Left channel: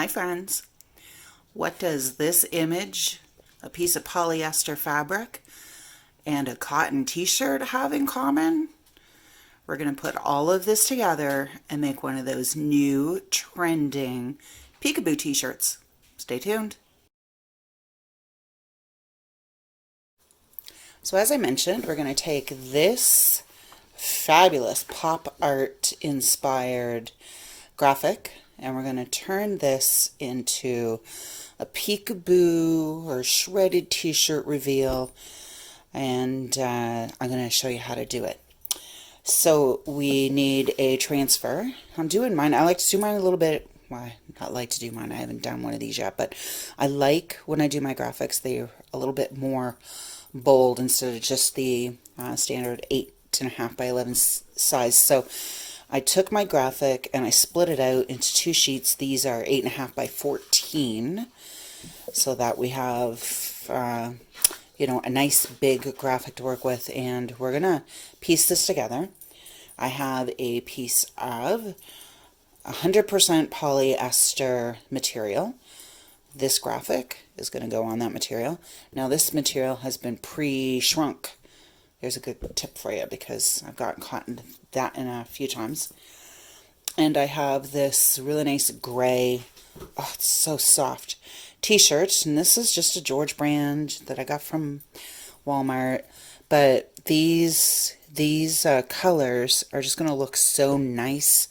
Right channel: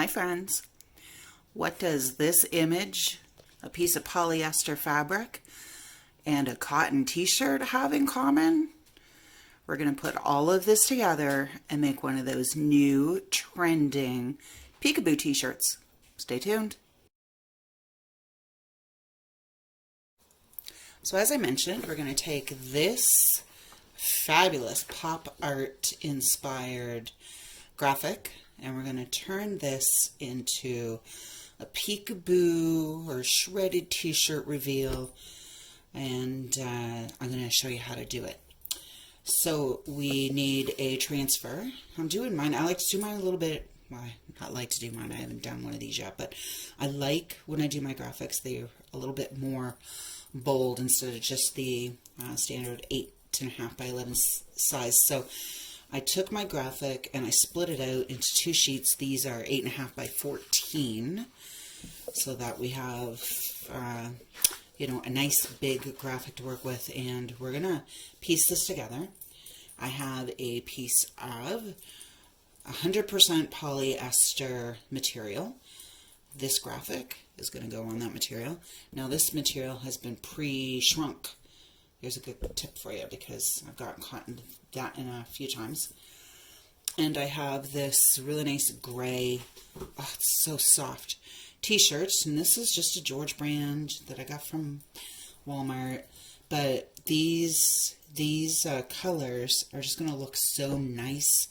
Hi friends. What does this image, a piece of polyester fabric, and a cotton t-shirt have in common? We're going to put all of this together and make one of those new trending peekaboo t-shirts. Stay tuned. So as I mentioned, we're going to take this fabulous pop art inspired graphic and we're going to turn this into a peekaboo or shredded t-shirt reveal, and I'm going to show you how to do it. So we need a transfer. I'm doing mine. I like to do mine a little bit. Well, not like to do mine. I haven't done one of these yet, but I like when I do my graphics, they're a little bit more bold instead of just the standard 8.5 by 11 size. So I took my graphic and I split it out into two sheets. These are 8.5 by 14, so that we have you know, a nice big graphic to work with, and we're gonna piece this together. I have a piece of 100% polyester material. This graphic is going to go on that material. Now this material has been pre-shrunk. There's a good tip for you because I've gotten caught in that in a few times. And I have this really nice gray, oh, it's so soft, t-shirt. And this is just a George brand that I got from Walmart. But these colors are just going to look so nice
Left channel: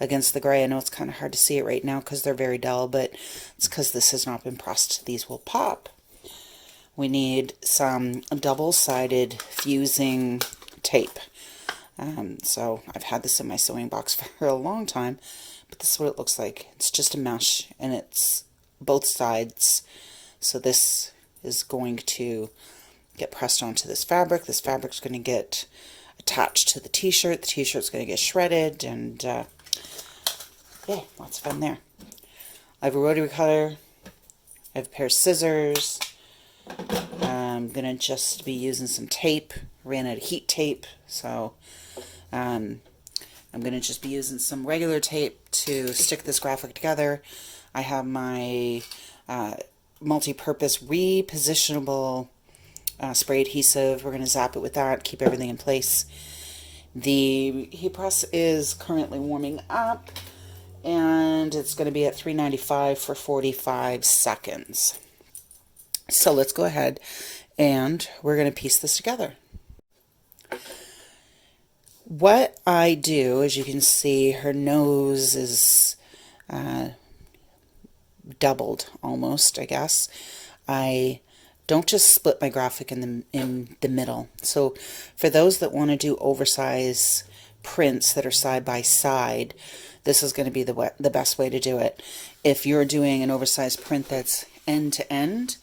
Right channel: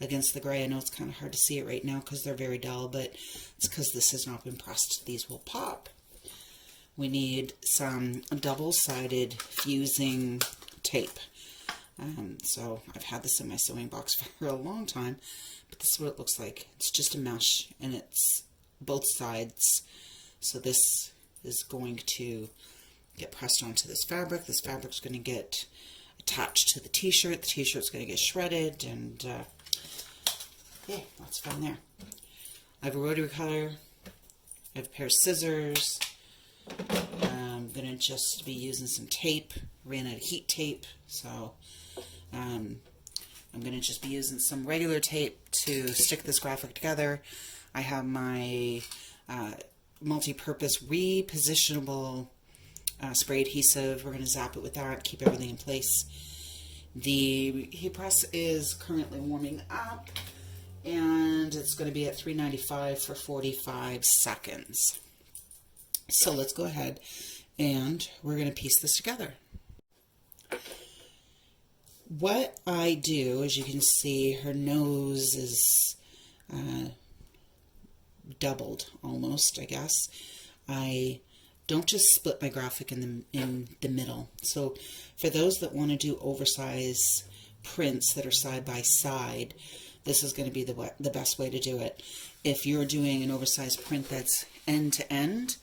against the gray. I know it's kind of hard to see it right now because they're very dull, but it's because this has not been pressed. These will pop. We need some double-sided fusing tape. So I've had this in my sewing box for a long time, but this is what it looks like. It's just a mesh and it's both sides. So this is going to get pressed onto this fabric. This fabric's going to get attached to the t-shirt. The t-shirt's going to get shredded, and yeah, lots of fun there. I have a rotary cutter. I have a pair of scissors. I'm going to just be using some tape. Ran out of heat tape, so I'm going to just be using some regular tape to stick this graphic together. I have my multi-purpose repositionable spray adhesive. We're going to zap it with that, keep everything in place. The heat press is currently warming up, and it's going to be at 395 for 45 seconds. So let's go ahead and we're going to piece this together. What I do, as you can see, her nose is doubled almost, I guess. I don't just split my graphic in the middle. So for those that want to do oversized prints that are side by side, this is going to be the best way to do it. If you're doing an oversized print that's end to end,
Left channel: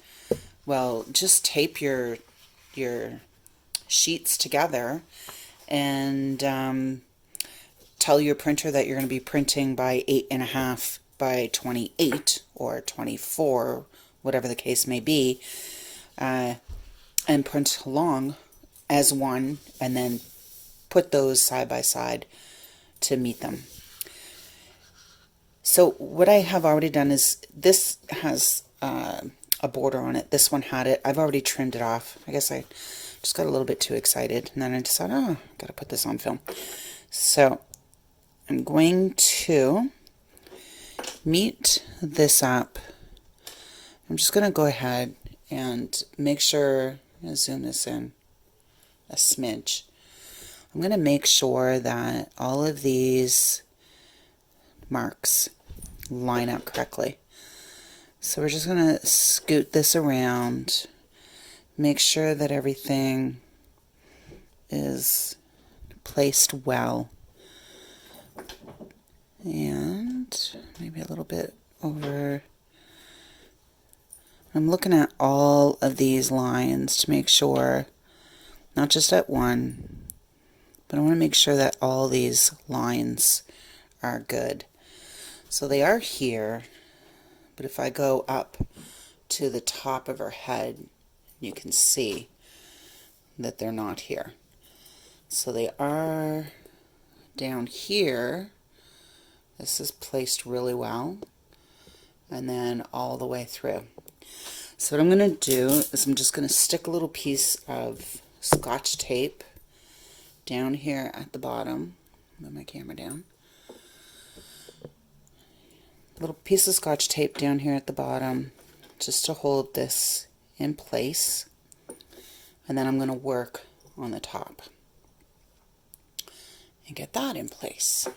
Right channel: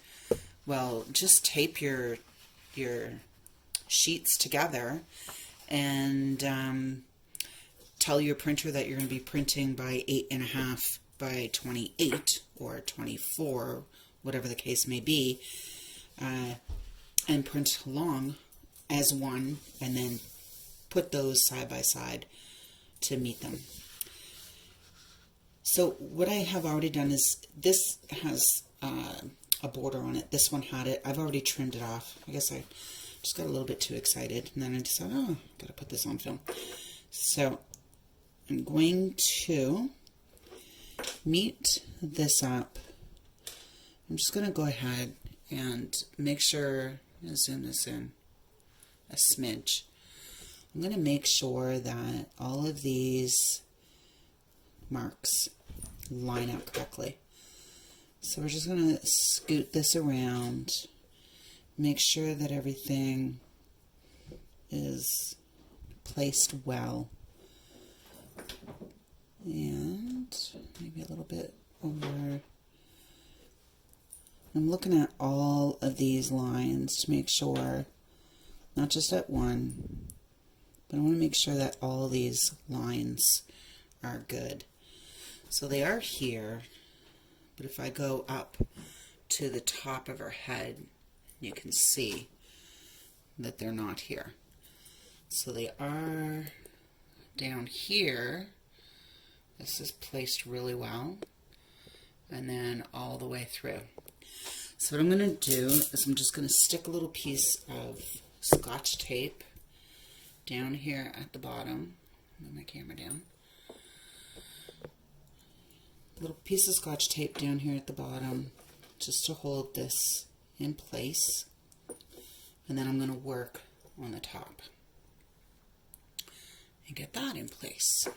well, just tape your sheets together and tell your printer that you're going to be printing by 8.5 by 28 or 24, whatever the case may be, and print along as one, and then put those side by side to meet them. So what I have already done is, this has a border on it. This one had it. I've already trimmed it off. I guess I just got a little bit too excited, and then I decided, oh, gotta put this on film. So I'm going to meet this up. I'm just gonna go ahead and make sure, I'm gonna zoom this in a smidge. I'm gonna make sure that all of these marks line up correctly. So we're just going to scoot this around, make sure that everything is placed well, and maybe a little bit over. I'm looking at all of these lines to make sure, not just at one, but I want to make sure that all these lines are good. So they are here. But if I go up to the top of her head, you can see that they're not here. So they are down here. This is placed really well. and then all the way through. So what I'm going to do is I'm just going to stick a little piece of Scotch tape down here at the bottom. Move my camera down. Little piece of Scotch tape down here at the bottom just to hold this in place, and then I'm going to work on the top and get that in place.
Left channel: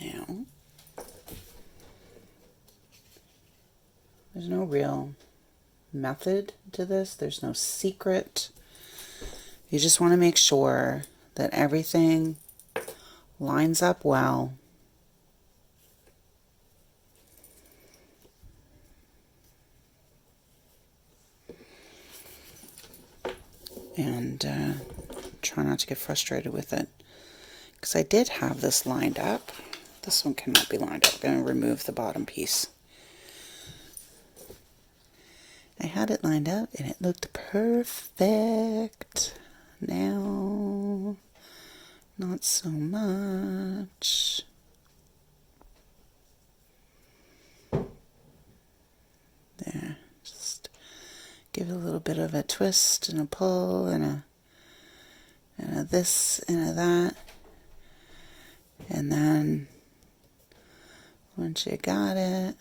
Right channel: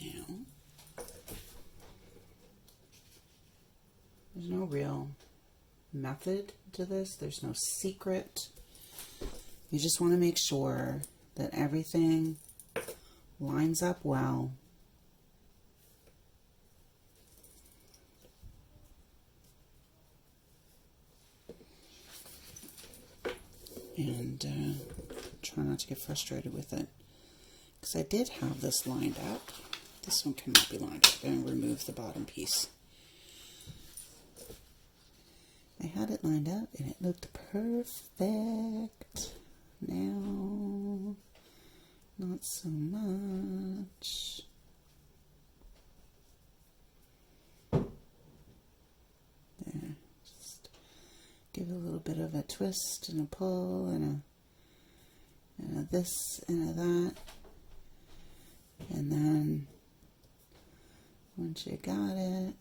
Now, there's no real method to this. There's no secret. You just want to make sure that everything lines up well. And try not to get frustrated with it. Because I did have this lined up. This one cannot be lined up. I'm going to remove the bottom piece. I had it lined up and it looked perfect. Now, not so much. There, just give it a little bit of a twist and a pull and a this and a that. And then once you got it,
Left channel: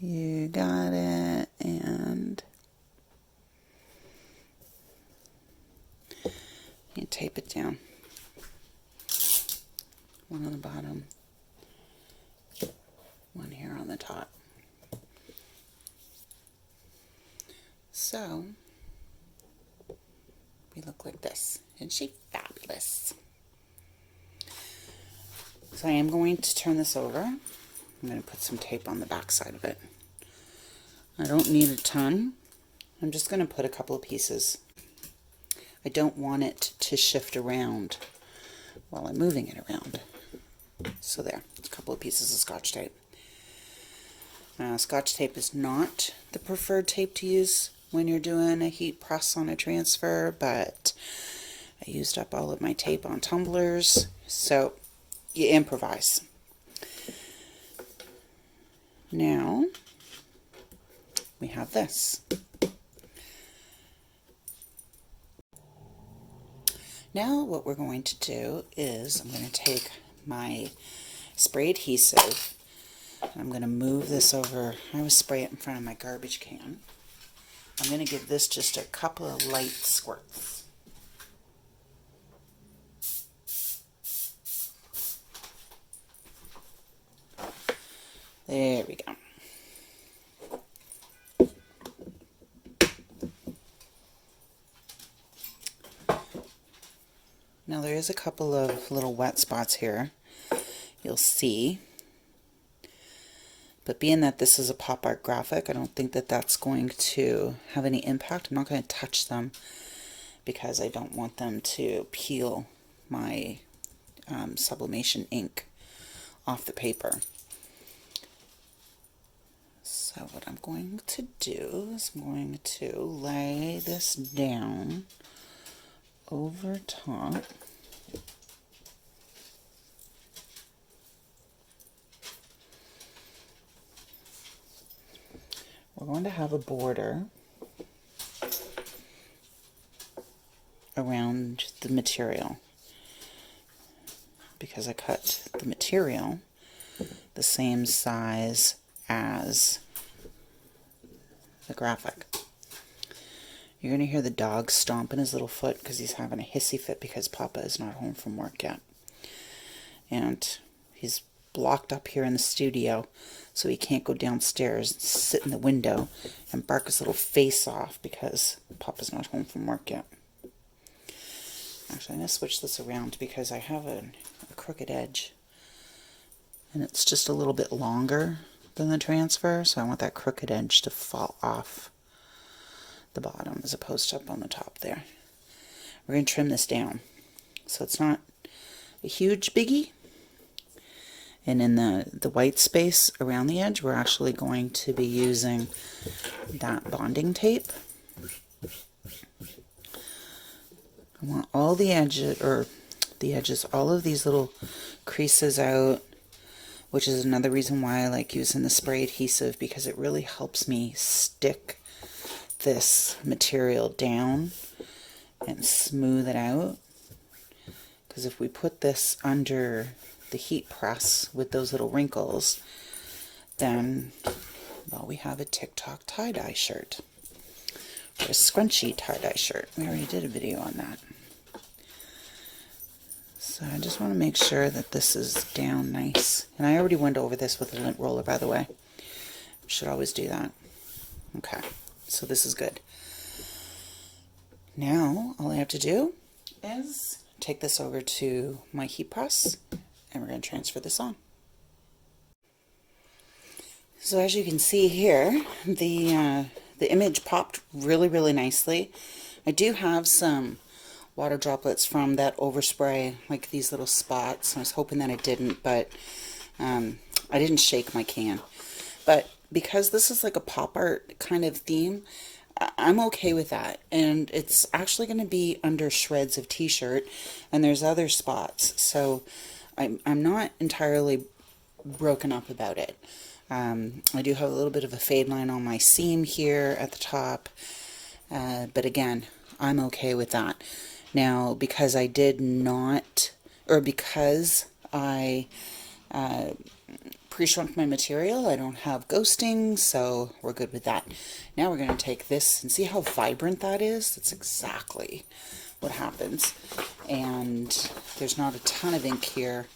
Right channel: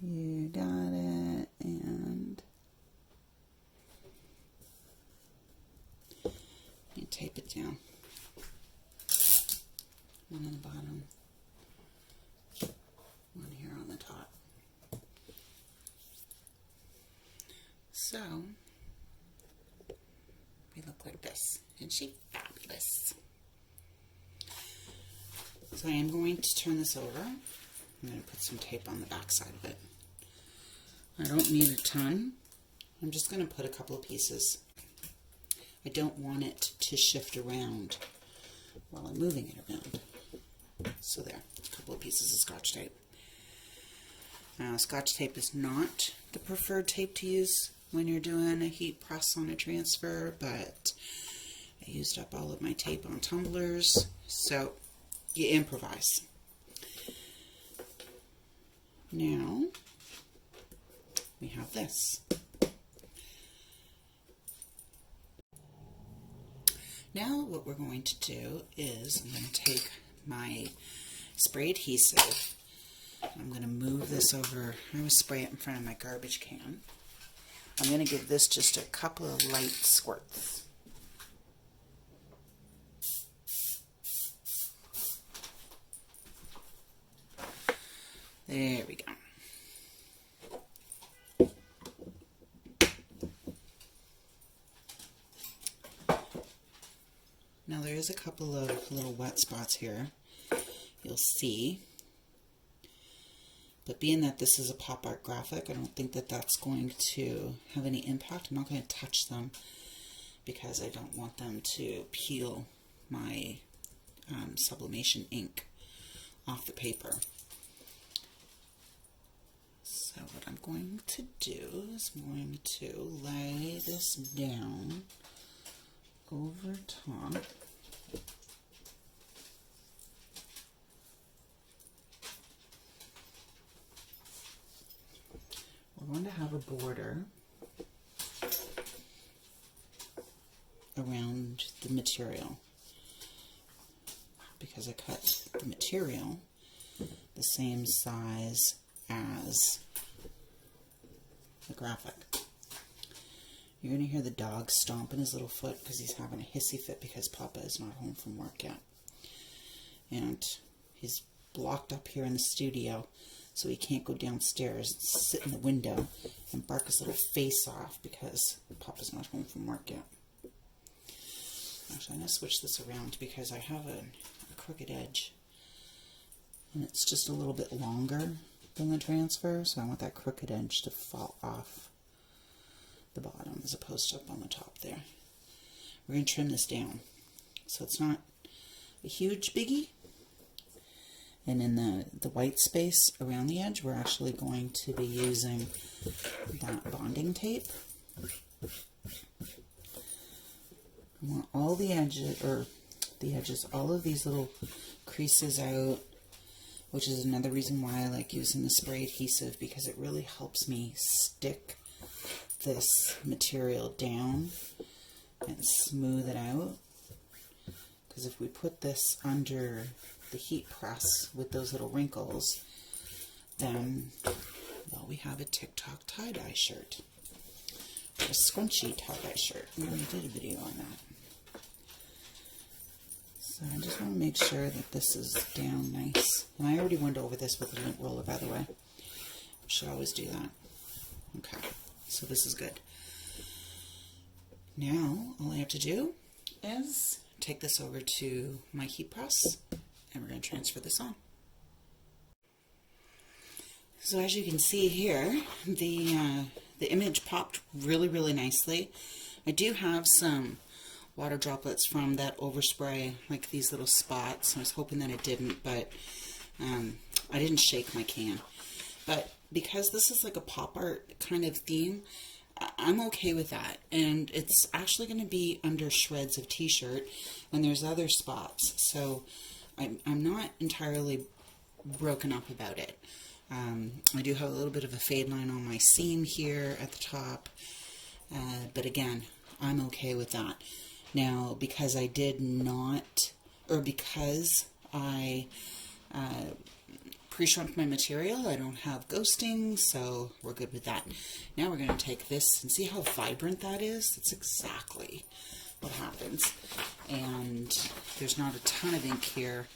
you got it, and you tape it down. One on the bottom, one here on the top. So we look like this. Isn't she fabulous? So I am going to turn this over. I'm going to put some tape on the back side of it. I don't need a ton. I'm just going to put a couple of pieces. I don't want it to shift around while I'm moving it around. So there, a couple of pieces of Scotch tape. Scotch tape is not the preferred tape to use when you're doing a heat press on a transfer, but I used up all of my tape on tumblers, so you improvise. Now we have this. Now what we're going to do is I'm going to take my spray adhesive and I'm going to move this over. I always spray it in front of my garbage can. I'm going to give this just a couple of light squirts. There we go. Now there is a couple of little wet spots here, you'll see. But being that this is a pop art graphic, I don't think that that's going to have any impact. I'm not going to touch them because I don't want them to peel my sublimation ink off the paper. So what I'm going to do is I'm going to lay this down over top. We're going to have a border around the material because I cut the material the same size as the graphic. You're going to hear the dog stomping his little foot because he's having a hissy fit because Papa is not home from work yet. And he's blocked up here in the studio, so he can't go downstairs and sit in the window and bark his little face off because Papa's not home from work yet. Actually, I'm going to switch this around because I have a crooked edge. And it's just a little bit longer than the transfer, so I want that crooked edge to fall off the bottom as opposed to up on the top there. We're going to trim this down so it's not a huge biggie. And in the white space around the edge, we're actually going to be using that bonding tape. I want all the edges, or the edges, all of these little creases out, which is another reason why I like using the spray adhesive, because it really helps me stick this material down and smooth it out. Because if we put this under the heat press with those little wrinkles, then, well, we have a TikTok tie-dye shirt. Or a scrunchy tie-dye shirt. We already did a video on that. So I just want to make sure that this is down nice. And I already went over this with a lint roller, by the way. Should always do that. Okay, so this is good. Now, all I have to do is take this over to my heat press, and we're going to transfer this on. So as you can see here, the image popped really, really nicely. I do have some water droplets from that overspray, like these little spots. I was hoping that it didn't, but I didn't shake my can. But because this is like a pop art kind of theme, I'm okay with that. And it's actually going to be under shreds of t-shirt, and there's other spots. So I'm not entirely broken up about it. I do have a little bit of a fade line on my seam here at the top, but again, I'm okay with that. Now, because I did not, or because I pre-shrunk my material, I don't have ghosting, so we're good with that. Now we're going to take this and see how vibrant that is. That's exactly what happens. And there's not a ton of ink here.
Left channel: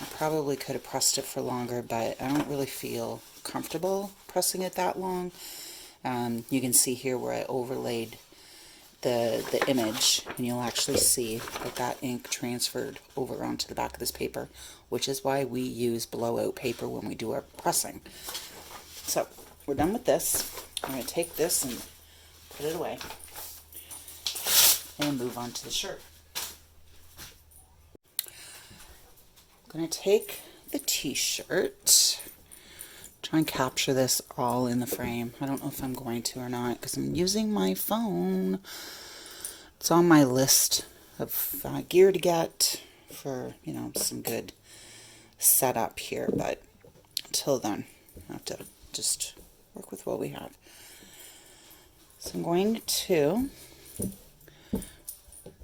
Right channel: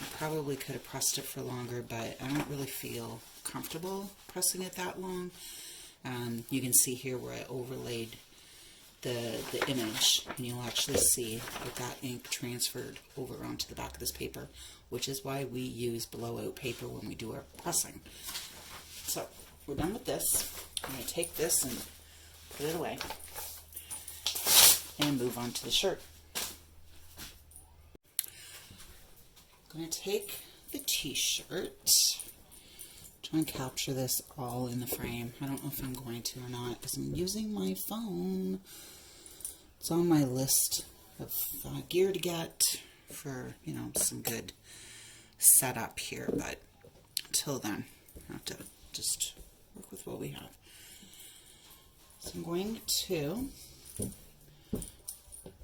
I probably could have pressed it for longer, but I don't really feel comfortable pressing it that long. You can see here where I overlaid the image, and you'll actually see that ink transferred over onto the back of this paper, which is why we use blowout paper when we do our pressing. So we're done with this. I'm going to take this and put it away and move on to the shirt. I'm going to take the t-shirt, try and capture this all in the frame. I don't know if I'm going to or not, because I'm using my phone. It's on my list of gear to get for, you know, some good setup here, but until then, I have to just work with what we have. So I'm going to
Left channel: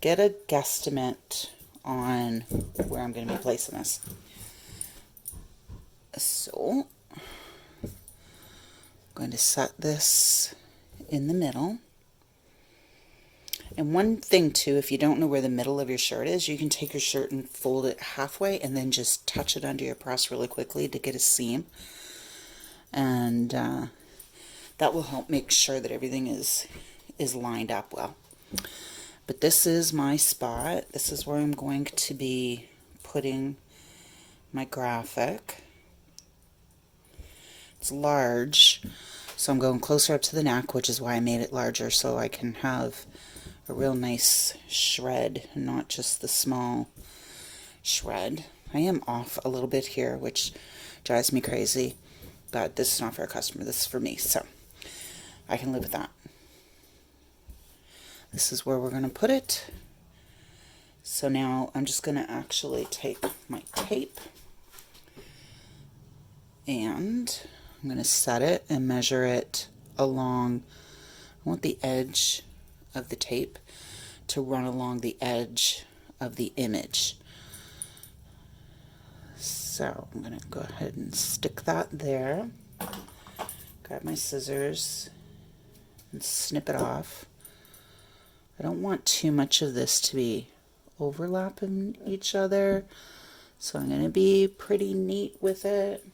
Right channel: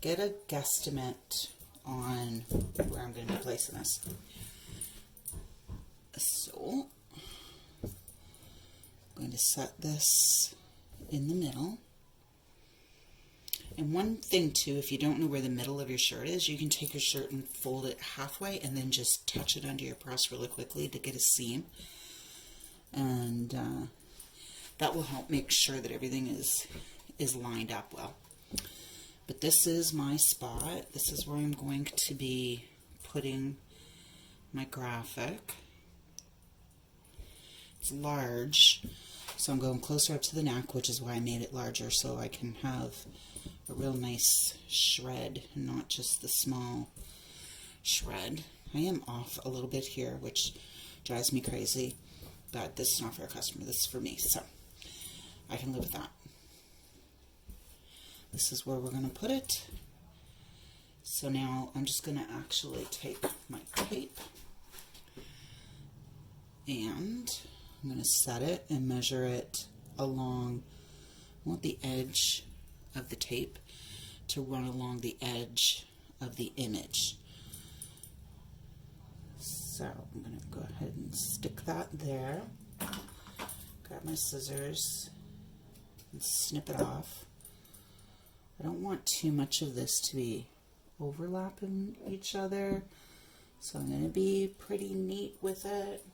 get a guesstimate on where I'm going to be placing this. So I'm going to set this in the middle. And one thing too, if you don't know where the middle of your shirt is, you can take your shirt and fold it halfway and then just touch it under your press really quickly to get a seam. And that will help make sure that everything is lined up well. But this is my spot. This is where I'm going to be putting my graphic. It's large, so I'm going closer up to the neck, which is why I made it larger, so I can have a real nice shred, and not just the small shred. I am off a little bit here, which drives me crazy, but this is not for a customer, this is for me, so I can live with that. This is where we're going to put it. So now I'm just going to actually take my tape, and I'm going to set it and measure it along. I want the edge of the tape to run along the edge of the image. So I'm going to go ahead and stick that there. Grab my scissors and snip it off. I don't want too much of this to be overlapping each other, so I'm going to be pretty neat with it.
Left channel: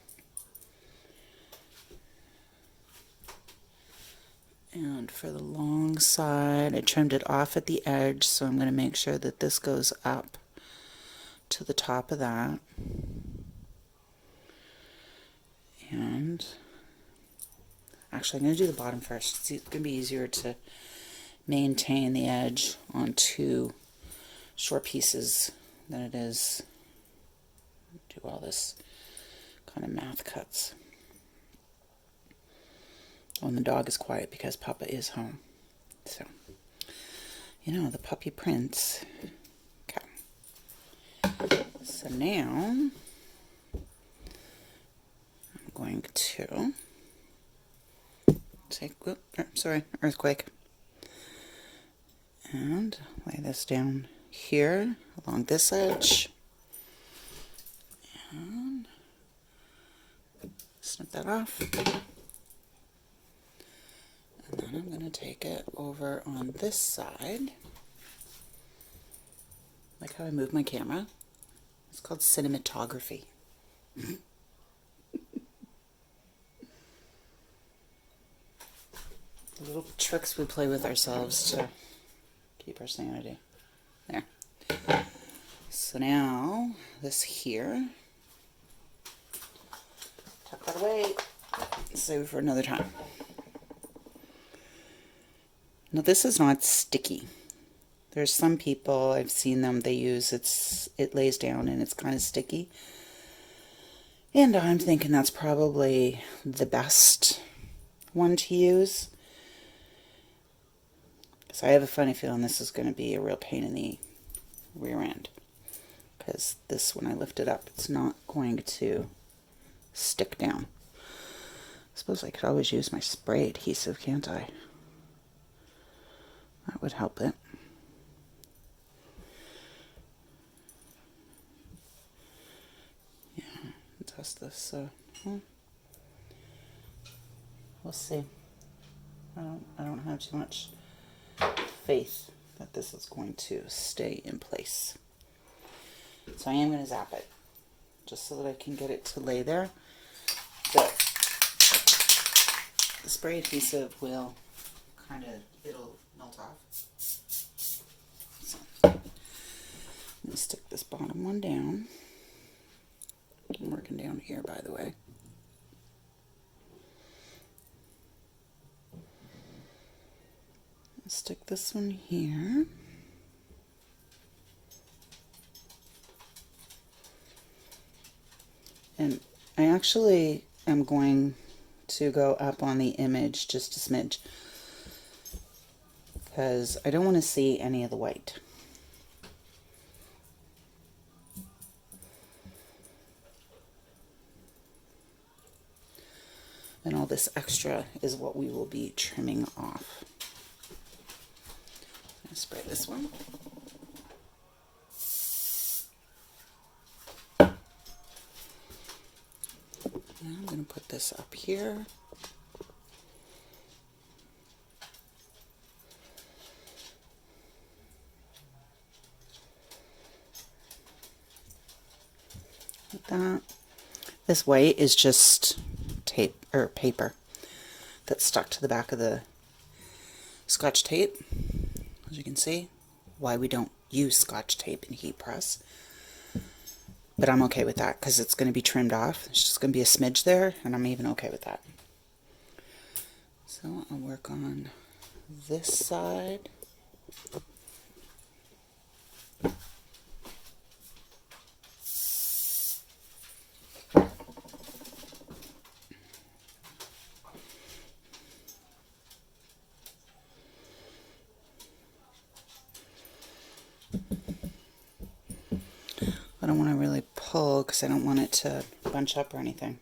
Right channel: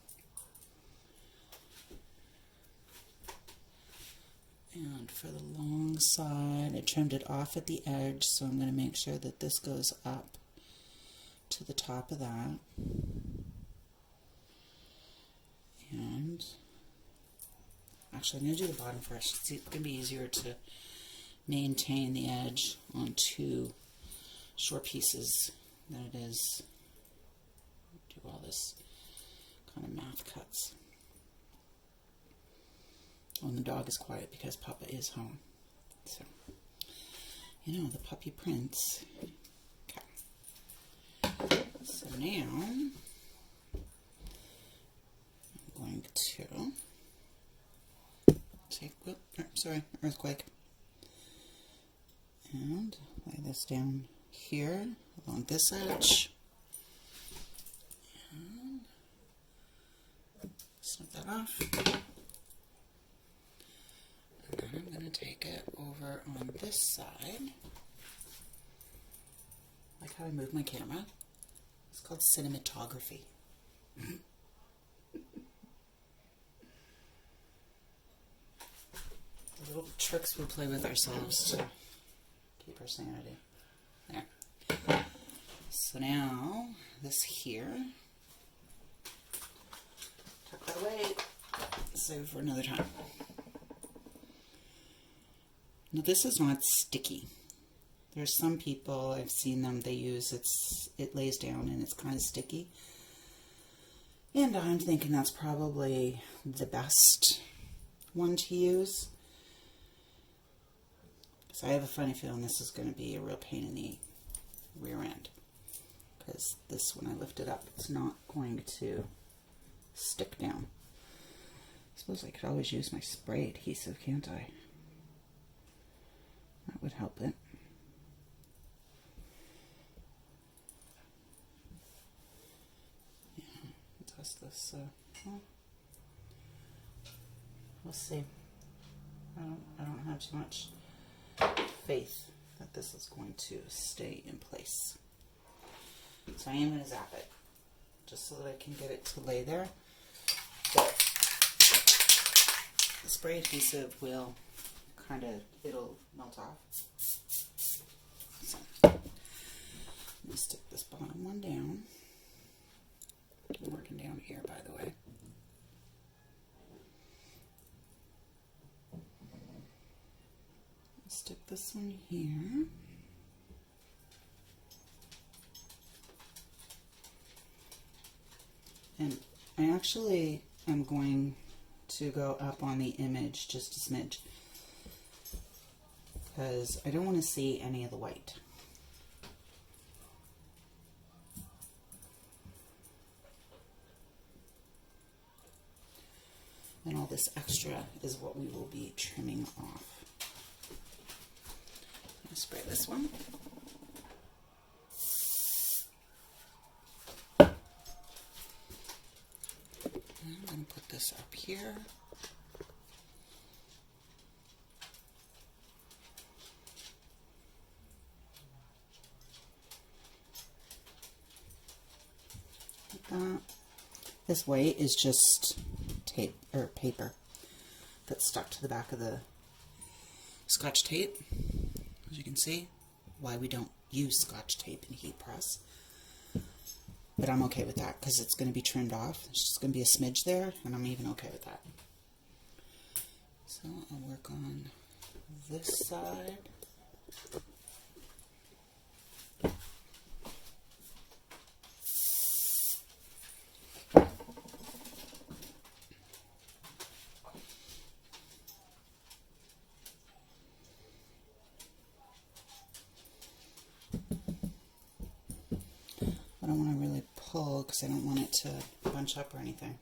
And for the long side, I trimmed it off at the edge, so I'm going to make sure that this goes up to the top of that. And actually, I'm going to do the bottom first. It's going to be easier to maintain the edge on two short pieces than it is do all this kind of math cuts. Oh, and the dog is quiet because Papa is home. So, you know, the puppy prince. Okay. So now I'm going to take, earthquake, and lay this down here along this edge, and snip that off. And then I'm going to take it over on this side. Like how I move my camera. It's called cinematography. The little tricks we play with ourselves to keep our sanity. There. So now, this here, tuck that away, save it for another time. Now this is not sticky. There's some people, I've seen them, they use it lays down and it's kind of sticky. And I'm thinking that's probably the best one to use. So I have a funny feeling this is going to be a real pain in the rear end. Because this, when I lift it up, it's not going to stick down. I suppose I could always use my spray adhesive, can't I? That would help it. Test this, so we'll see. I don't have too much faith that this is going to stay in place. So I am going to zap it just so that I can get it to lay there. But the spray adhesive will it'll melt off. So let me stick this bottom one down. I'm working down here, by the way. Stick this one here. And I actually am going to go up on the image just a smidge because I don't want to see any of the white. And all this extra is what we will be trimming off. I'll spray this one. And I'm going to put this up here. Like that. This white is just tape or paper that's stuck to the back of the Scotch tape. As you can see, why we don't use Scotch tape in heat press. But I'm okay with that because it's going to be trimmed off. It's just going to be a smidge there, and I'm even okay with that. So I'll work on this side. I don't want to really pull because I don't want it to bunch up or anything.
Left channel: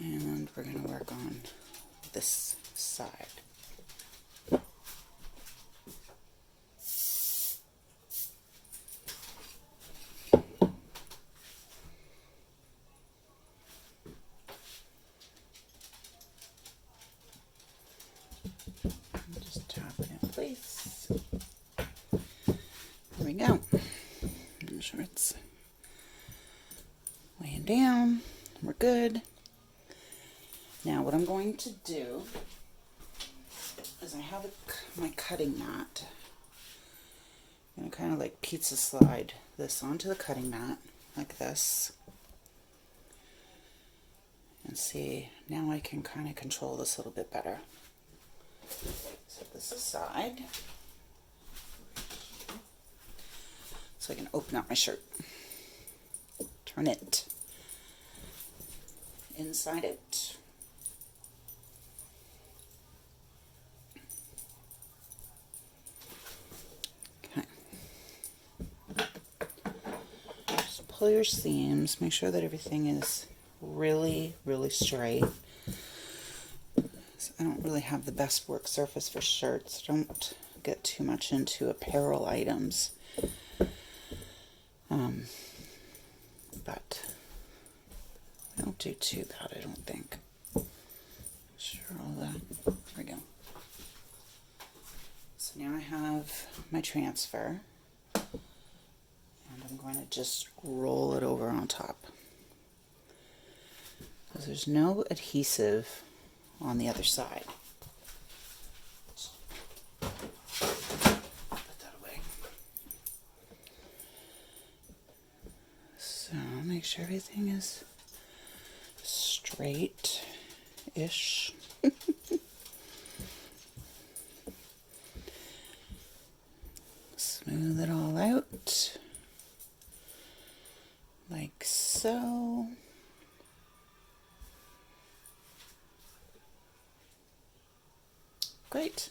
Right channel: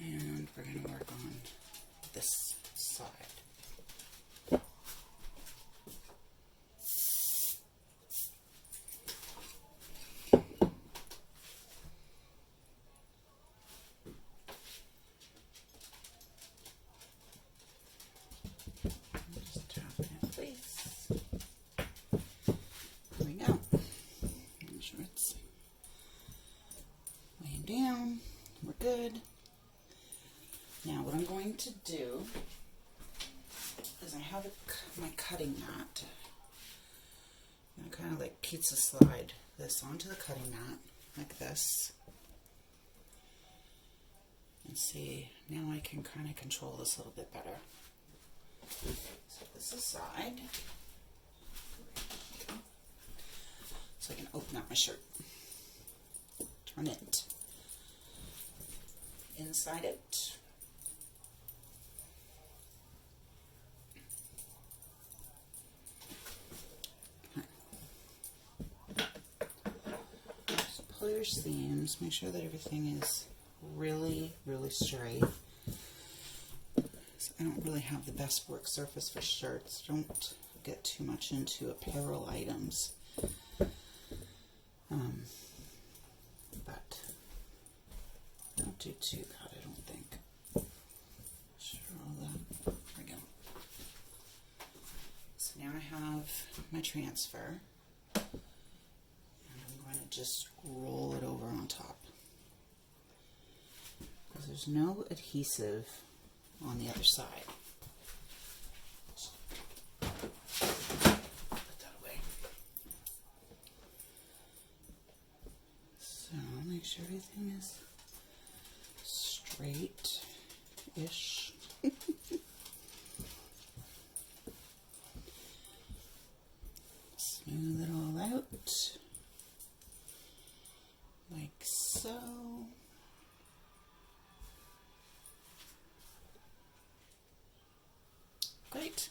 And we're going to work on this side. Just tap it in place. There we go. Make sure it's laying down. We're good. Now what I'm going to do is I have my cutting mat. I'm going to kind of like pizza slide this onto the cutting mat like this. And see, now I can kind of control this a little bit better. Set this aside. So I can open up my shirt. Turn it inside it. Okay. pull your seams, make sure that everything is really, really straight. So I don't really have the best work surface for shirts. Don't get too much into apparel items. But I don't do too bad, I don't think. Sure, all that. There we go. So now I have my transfer, and I'm going to just roll it over on top. Because there's no adhesive on the other side. Put that away. So make sure everything is straight-ish. Smooth it all out, like so. Great.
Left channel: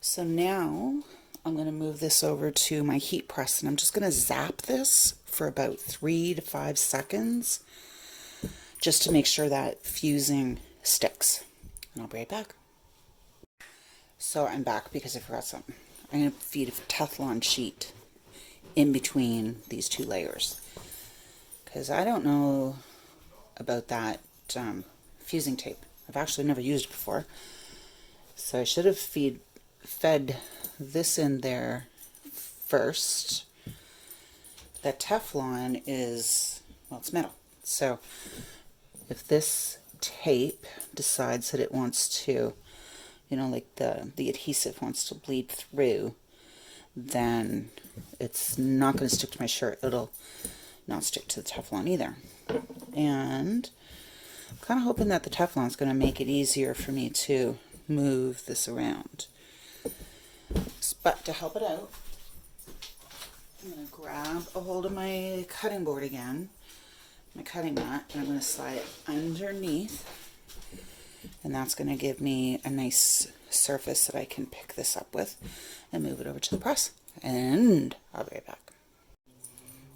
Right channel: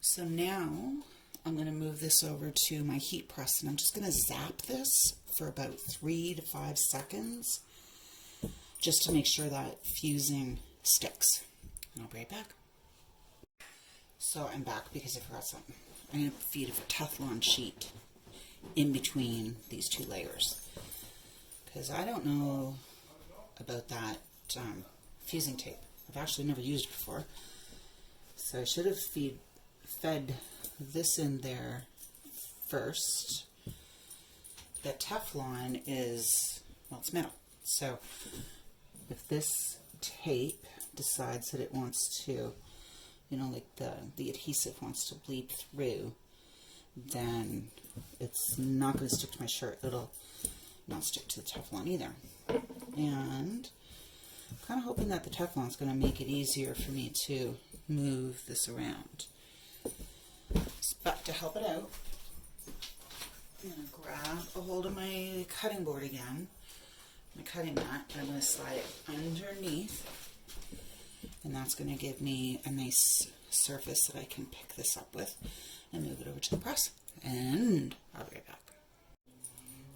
So now I'm going to move this over to my heat press, and I'm just going to zap this for about 3 to 5 seconds just to make sure that fusing sticks. And I'll be right back. So I'm back because I forgot something. I'm going to feed a Teflon sheet in between these two layers because I don't know about that fusing tape. I've actually never used it before. So I should have fed this in there first. That Teflon is, well, it's metal. So if this tape decides that it wants to, you know, like the adhesive wants to bleed through, then it's not going to stick to my shirt. It'll not stick to the Teflon either. And I'm kind of hoping that the Teflon is going to make it easier for me to move this around. But to help it out, I'm going to grab a hold of my cutting board again, my cutting mat, and I'm going to slide it underneath, and that's going to give me a nice surface that I can pick this up with and move it over to the press. And I'll be right back.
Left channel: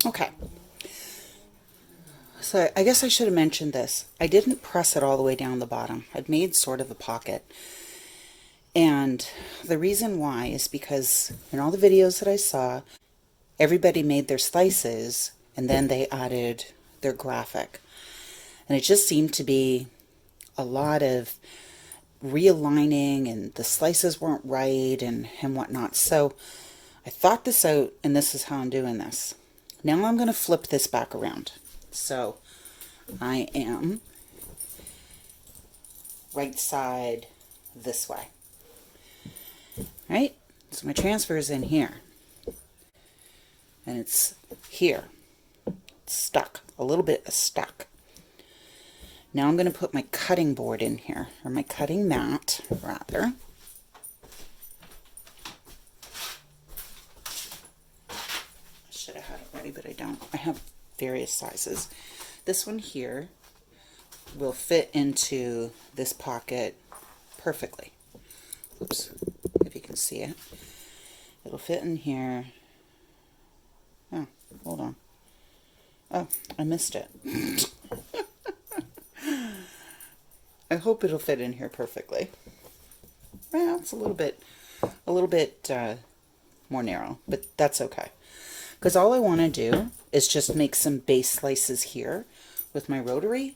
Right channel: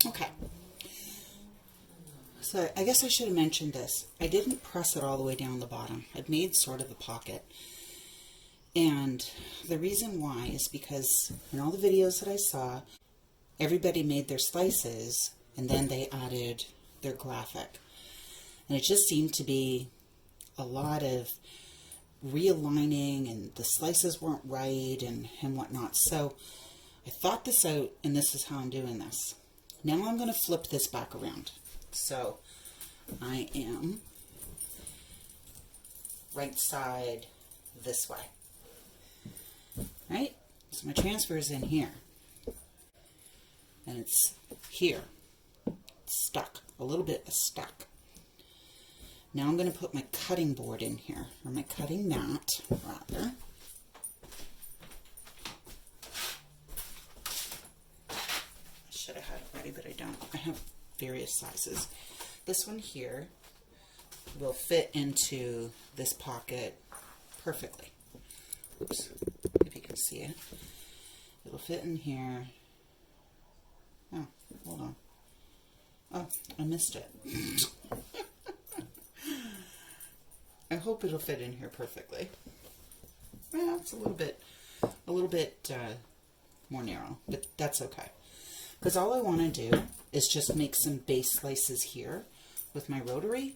Okay. So I guess I should have mentioned this. I didn't press it all the way down the bottom. I've made sort of a pocket. And the reason why is because in all the videos that I saw, everybody made their slices and then they added their graphic. And it just seemed to be a lot of realigning, and the slices weren't right and whatnot. So I thought this out, and this is how I'm doing this. Now I'm going to flip this back around. So I am right side this way. Right? So my transfer is in here. And it's here. It's stuck. A little bit stuck. Now I'm going to put my cutting board in here, or my cutting mat, rather. I should have had it ready, but I don't. I have various sizes. This one here will fit into this pocket perfectly. Oops, if you can see it. It'll fit in here. Oh, hold on. Oh, I missed it. I hope it'll fit in here perfectly. Well, it's a little bit more narrow, but that's okay. Because all I want to do is just make some base slices here with my rotary,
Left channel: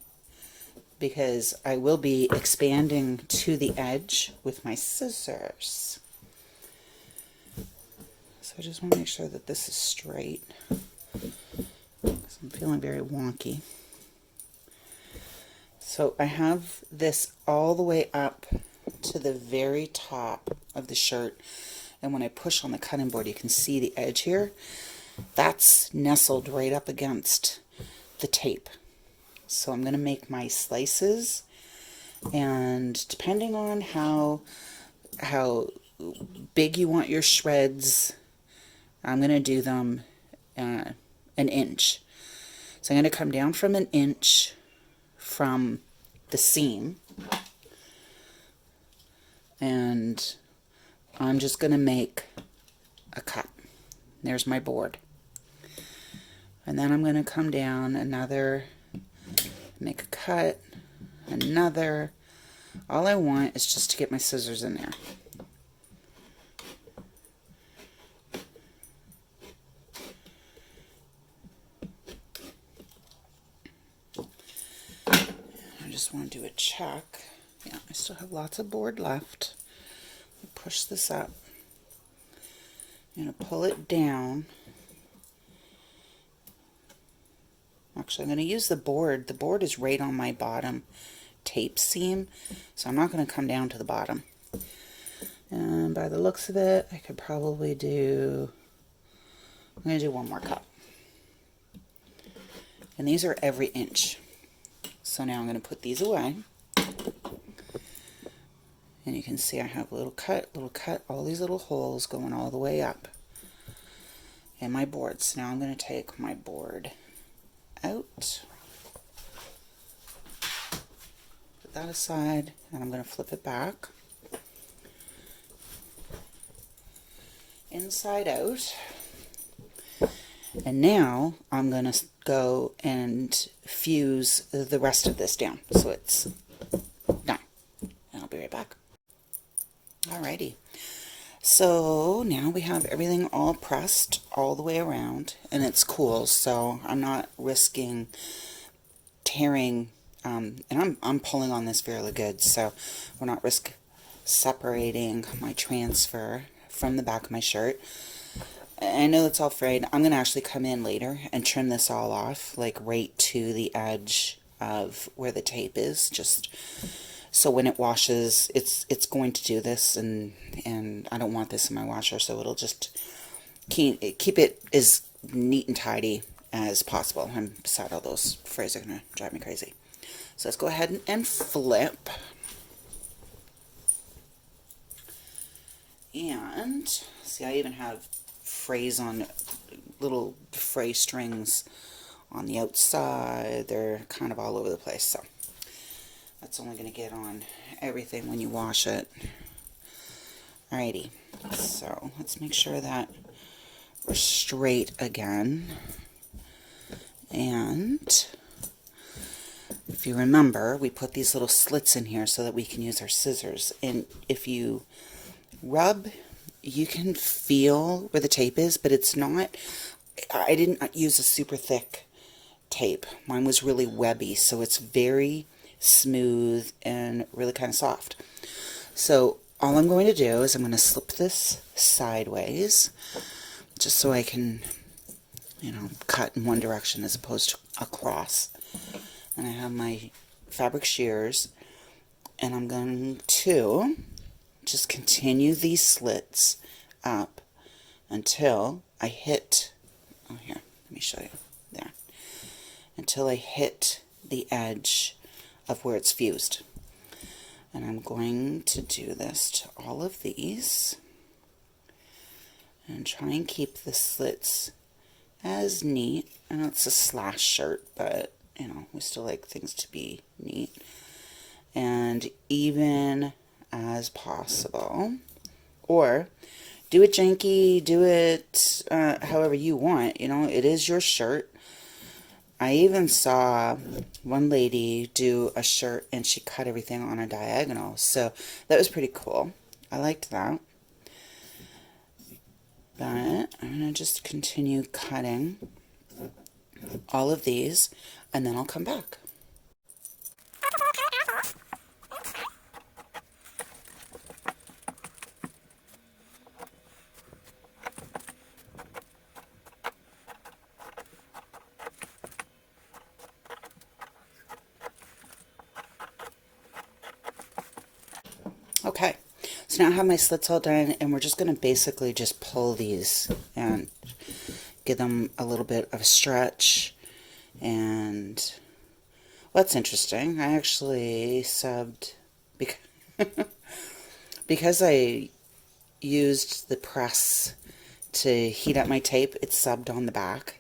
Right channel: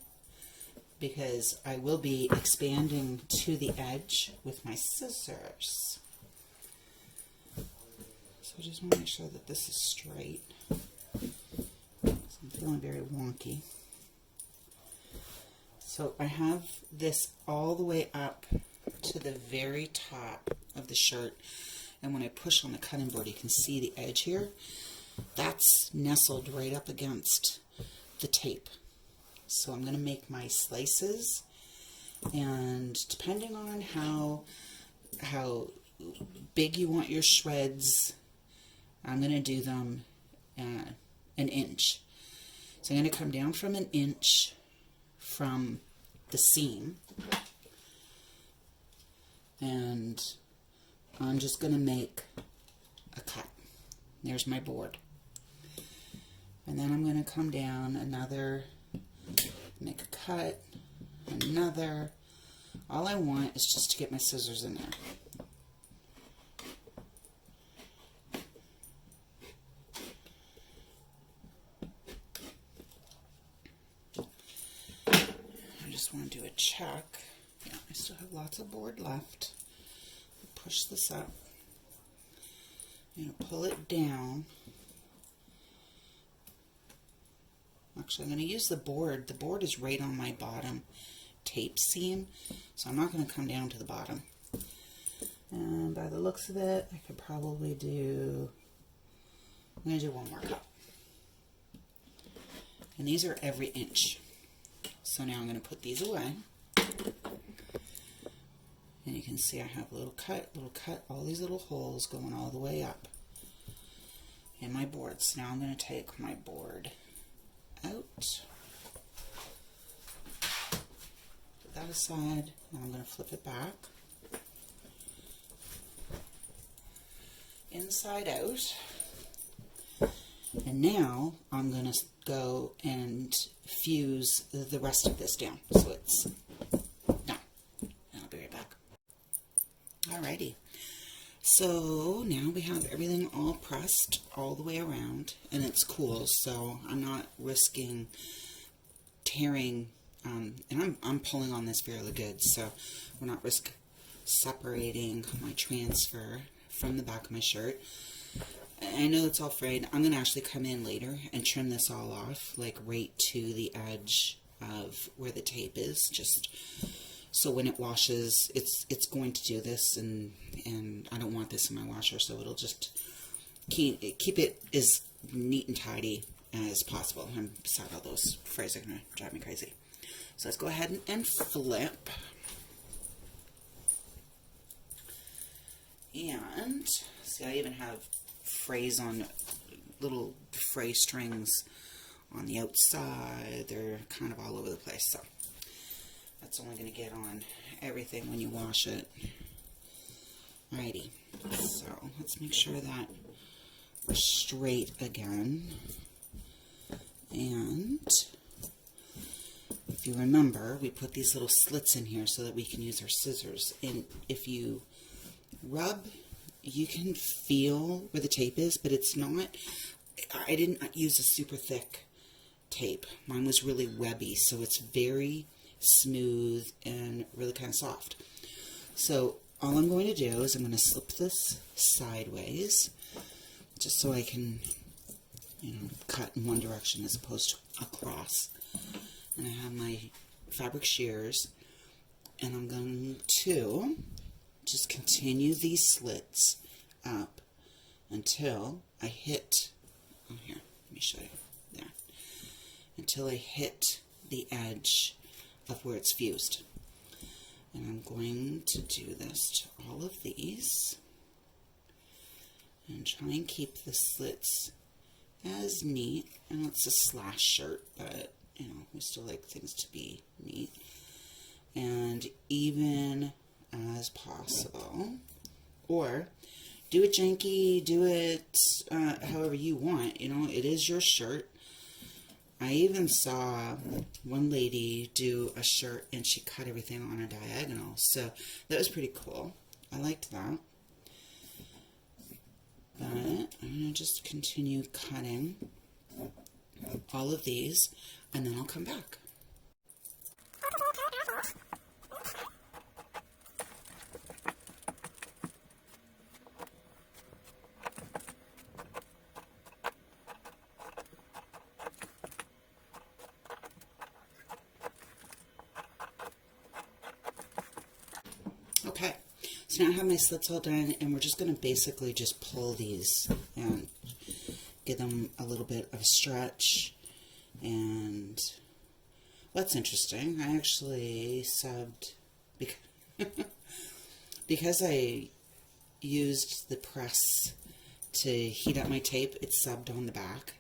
because I will be expanding to the edge with my scissors. So I just want to make sure that this is straight, because I'm feeling very wonky. So I have this all the way up to the very top of the shirt, and when I push on the cutting board, you can see the edge here. That's nestled right up against the tape. So I'm going to make my slices, and depending on how big you want your shreds, I'm going to do them an inch. So I'm going to come down from an inch from the seam, and I'm just going to make a cut. There's my board. And And then I'm going to come down another, make a cut, another. All I want is just to get my scissors in there. I just want to do a check. Yeah, I still have lots of board left. Push this up. I'm going to pull it down. Actually, I'm going to use the board. The board is right on my bottom tape seam, so I'm not going to come down to the bottom. And by the looks of it, I could probably do, I'm going to do one more cut. And these are every inch. So now I'm going to put these away. And you can see I have a little cut, all these little holes going all the way up in my board. So now I'm going to take my board out, put that aside, and I'm going to flip it back, inside out. And now I'm going to go and fuse the rest of this down so it's done. And I'll be right back. Alrighty. So now we have everything all pressed all the way around, and it's cool, so I'm not risking tearing, and I'm pulling on this fairly good, so we're not risk separating my transfer from the back of my shirt. I know it's all frayed. I'm going to actually come in later and trim this all off, like right to the edge of where the tape is, just so when it washes, it's going to do this, and I don't want this in my washer, so it'll just keep it as neat and tidy as possible. And beside, all those frays are going to drive me crazy. So let's go ahead and flip. And see, I even have frays on, little fray strings on the outside. They're kind of all over the place, so that's only going to get on everything when you wash it. Alrighty, so let's make sure that we're straight again. And if you remember, we put these little slits in here so that we can use our scissors. And if you rub, you can feel where the tape is, but it's not, I didn't use a super thick tape. Mine was really webby, so it's very smooth and really kind of soft. So all I'm going to do is I'm going to slip this sideways just so I can, you know, cut in one direction as opposed to across. And I have my fabric shears, and I'm going to just continue these slits up until I hit, oh here, let me show you, there, until I hit the edge of where it's fused. And I'm going to do this to all of these and try and keep the slits as neat. I know it's a slash shirt, but you know, we still like things to be neat and even as possible. Or do it janky, do it however you want. You know, it is your shirt. I even saw one lady do a shirt and she cut everything on a diagonal, so that was pretty cool. I liked that. But I'm going to just continue cutting all of these, and then I'll come back. Okay, so now I have my slits all done, and we're just going to basically just pull these and give them a little bit of a stretch. And what's interesting, I actually subbed, because I used the press to heat up my tape, it's subbed on the back.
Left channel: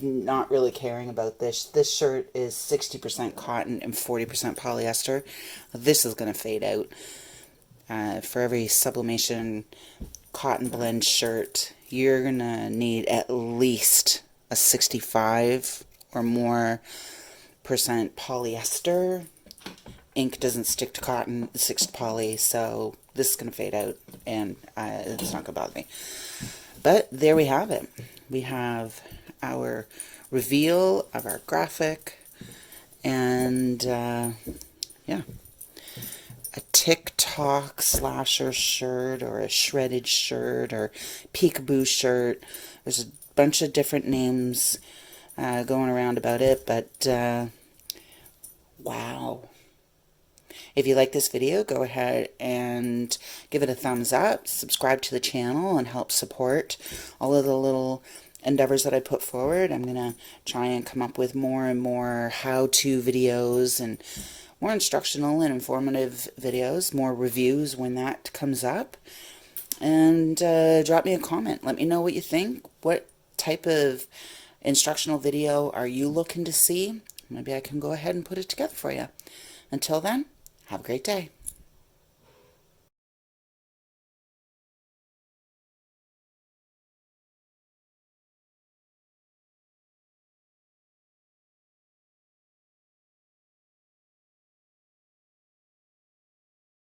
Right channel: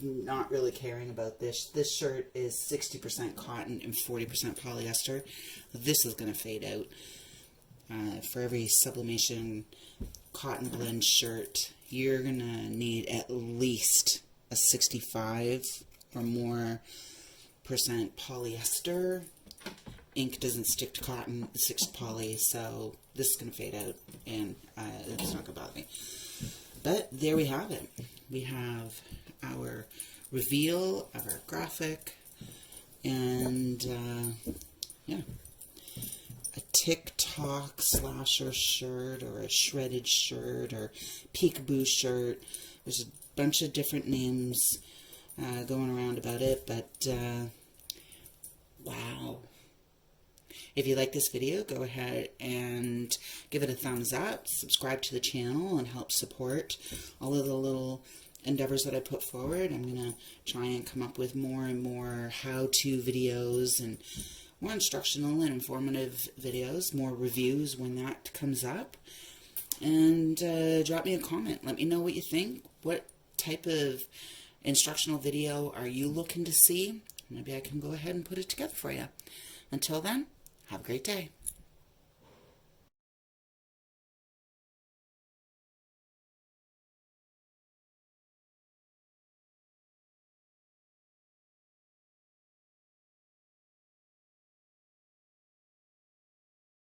Not really caring about this. This shirt is 60% cotton and 40% polyester. This is going to fade out. For every sublimation cotton blend shirt, you're gonna need at least a 65 or more percent polyester. Ink doesn't stick to cotton, it sticks to poly, so this is gonna fade out and it's not gonna bother me. But there we have it. We have our reveal of our graphic, and yeah, a TikTok slasher shirt or a shredded shirt or peekaboo shirt. There's a bunch of different names going around about it, but wow. If you like this video, go ahead and give it a thumbs up, subscribe to the channel, and help support all of the little endeavors that I put forward. I'm going to try and come up with more and more how-to videos and more instructional and informative videos, more reviews when that comes up. And drop me a comment. Let me know what you think. What type of instructional video are you looking to see? Maybe I can go ahead and put it together for you. Until then, have a great day.